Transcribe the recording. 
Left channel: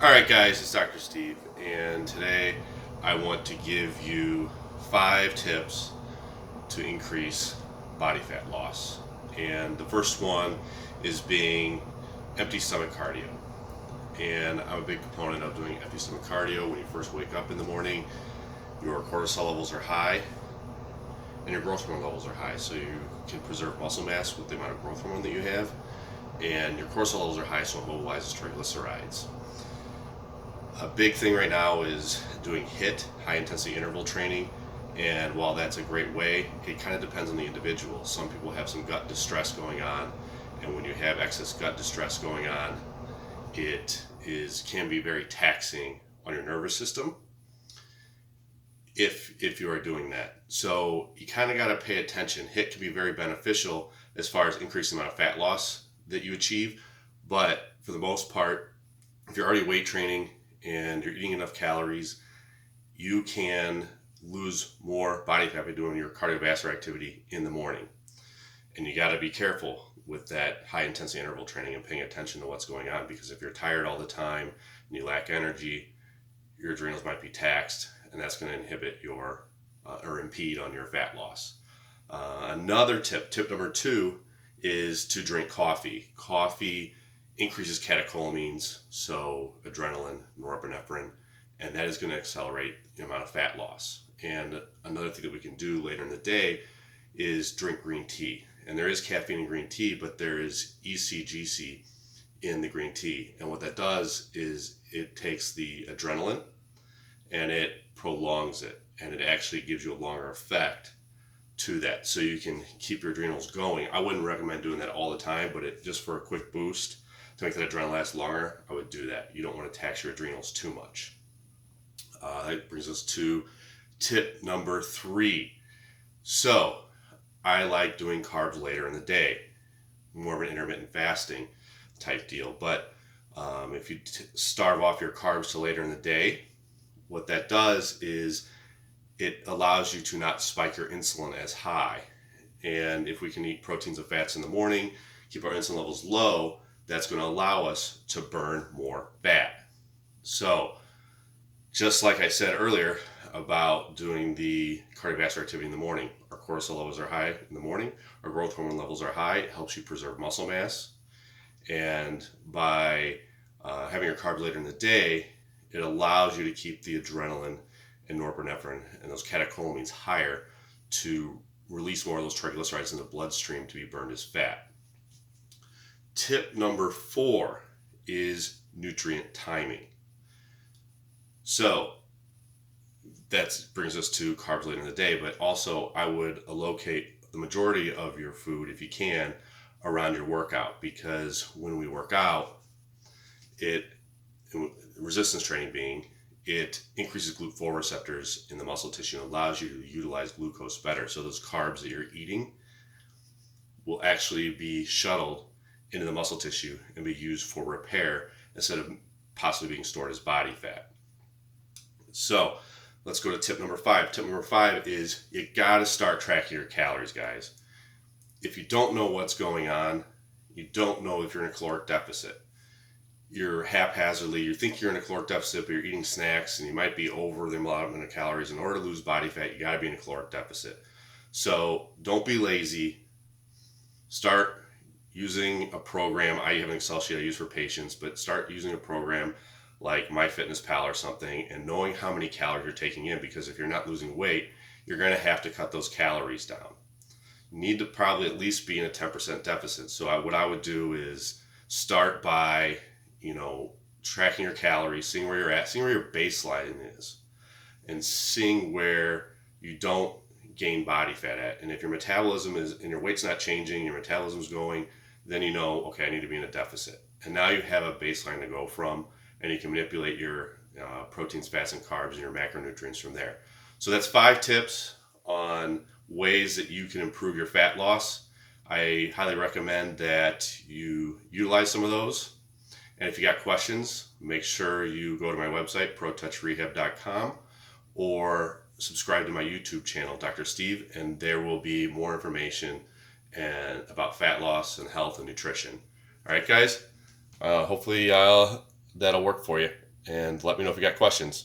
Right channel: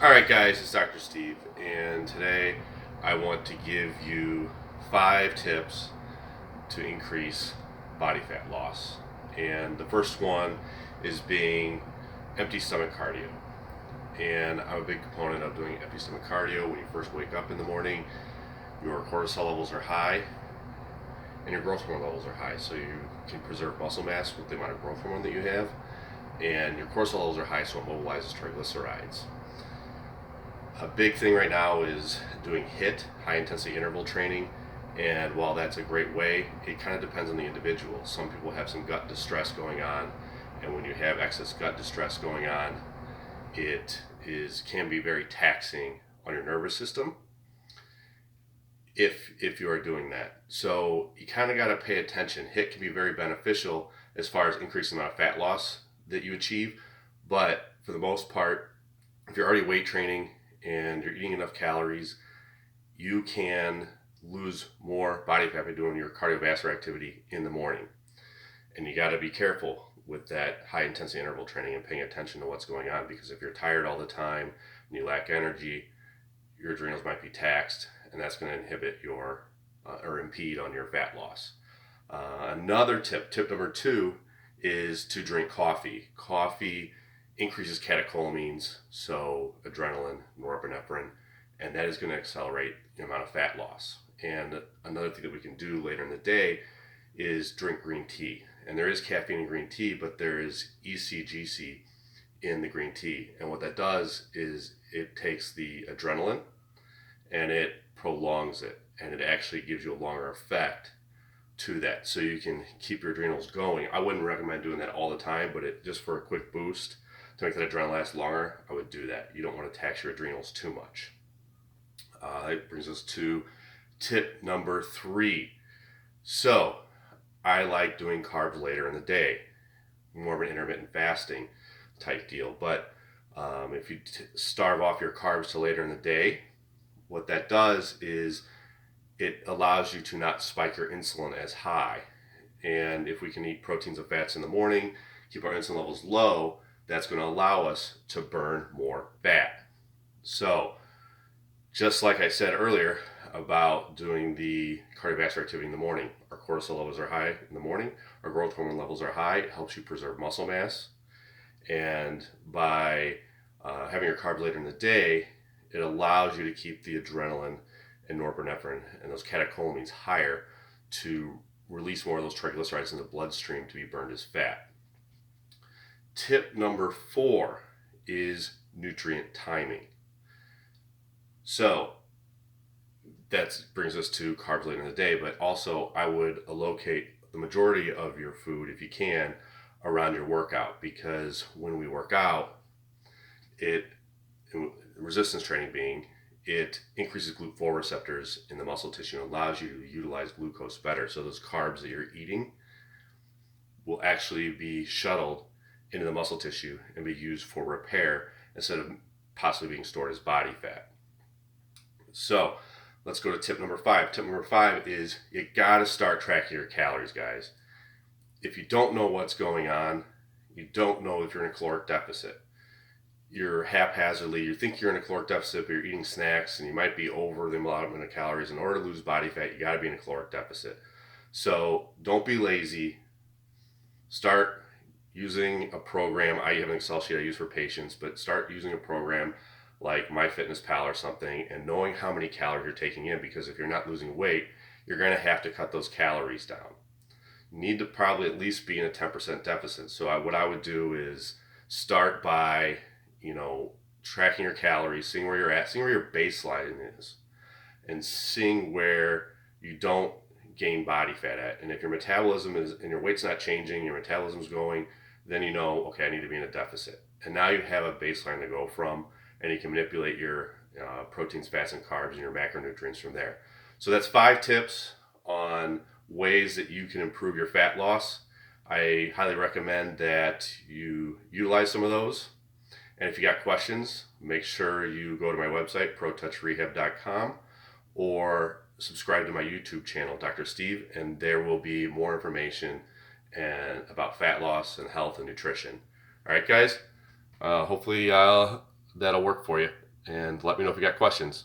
All right, guys, it's Dr. Steve, and today I want to give you 5 tips to increase body fat loss. And the first one is being empty stomach cardio. And I'm a big proponent of doing empty stomach cardio when you first wake up in the morning. Your cortisol levels are high and your growth hormone levels are high, so you can preserve muscle mass with the amount of growth hormone that you have. And your cortisol levels are high, so it mobilizes triglycerides. A big thing right now is doing HIIT, high intensity interval training. And while that's a great way, it kind of depends on the individual. Some people have some gut distress going on, and when you have excess gut distress going on, it can be very taxing on your nervous system if you are doing that. So you kind of got to pay attention. HIIT can be very beneficial as far as increasing the amount of fat loss that you achieve, but for the most part, if you're already weight training and you're eating enough calories, you can lose more body fat by doing your cardiovascular activity in the morning. And you got to be careful with that high intensity interval training and paying attention to what's going on, because if you're tired all the time and you lack energy, your adrenals might be taxed, and that's going to inhibit your or impede on your fat loss. Another tip number 2, is to drink coffee. Coffee increases catecholamines, so adrenaline, norepinephrine, and that is going to accelerate the amount of fat loss. And another thing that we can do later in the day is drink green tea. And there is caffeine in green tea, but there is ECGC in the green tea. And what that does is it takes the adrenaline and it prolongs it, and it actually gives you a longer effect to that, so you can keep your adrenals going. I wouldn't recommend doing that all the time, but just for a quick boost to make that adrenaline last longer, I would do that. You don't want to tax your adrenals too much. That brings us to tip number 3. So I like doing carbs later in the day, more of an intermittent fasting type deal. But if you starve off your carbs to later in the day, what that does is it allows you to not spike your insulin as high. And if we can eat proteins and fats in the morning, keep our insulin levels low, that's going to allow us to burn more fat. So, just like I said earlier about doing the cardiovascular activity in the morning, our cortisol levels are high in the morning, our growth hormone levels are high, it helps you preserve muscle mass. And by having your carbs later in the day, it allows you to keep the adrenaline and norepinephrine and those catecholamines higher to release more of those triglycerides in the bloodstream to be burned as fat. Tip number 4 is nutrient timing. So that brings us to carbs later in the day, but also I would allocate the majority of your food, if you can, around your workout, because when we work out, resistance training being, it increases GLUT4 receptors in the muscle tissue and allows you to utilize glucose better. So those carbs that you're eating will actually be shuttled into the muscle tissue and be used for repair instead of possibly being stored as body fat. So let's go to tip number 5. Tip number 5 is you got to start tracking your calories, guys. If you don't know what's going on, you don't know if you're in a caloric deficit. You're haphazardly, you think you're in a caloric deficit, but you're eating snacks and you might be over the allotment of calories. In order to lose body fat, you got to be in a caloric deficit. So don't be lazy. Start using a program. I have an Excel sheet I use for patients, but start using a program like MyFitnessPal or something, and knowing how many calories you're taking in, because if you're not losing weight, you're going to have to cut those calories down. You need to probably at least be in a 10% deficit. So what I would do is start by tracking your calories, seeing where you're at, seeing where your baseline is, and seeing where you don't gain body fat at. And if your metabolism is, and your weight's not changing, your metabolism's going, then okay, I need to be in a deficit. And now you have a baseline to go from, and you can manipulate your proteins, fats, and carbs and your macronutrients from there. So that's 5 tips on ways that you can improve your fat loss. I highly recommend that you utilize some of those. And if you got questions, make sure you go to my website, protouchrehab.com, or subscribe to my YouTube channel, Dr. Steve, and there will be more information about fat loss and health and nutrition. All right, guys. Hopefully that'll work for you. and let me know if you got questions.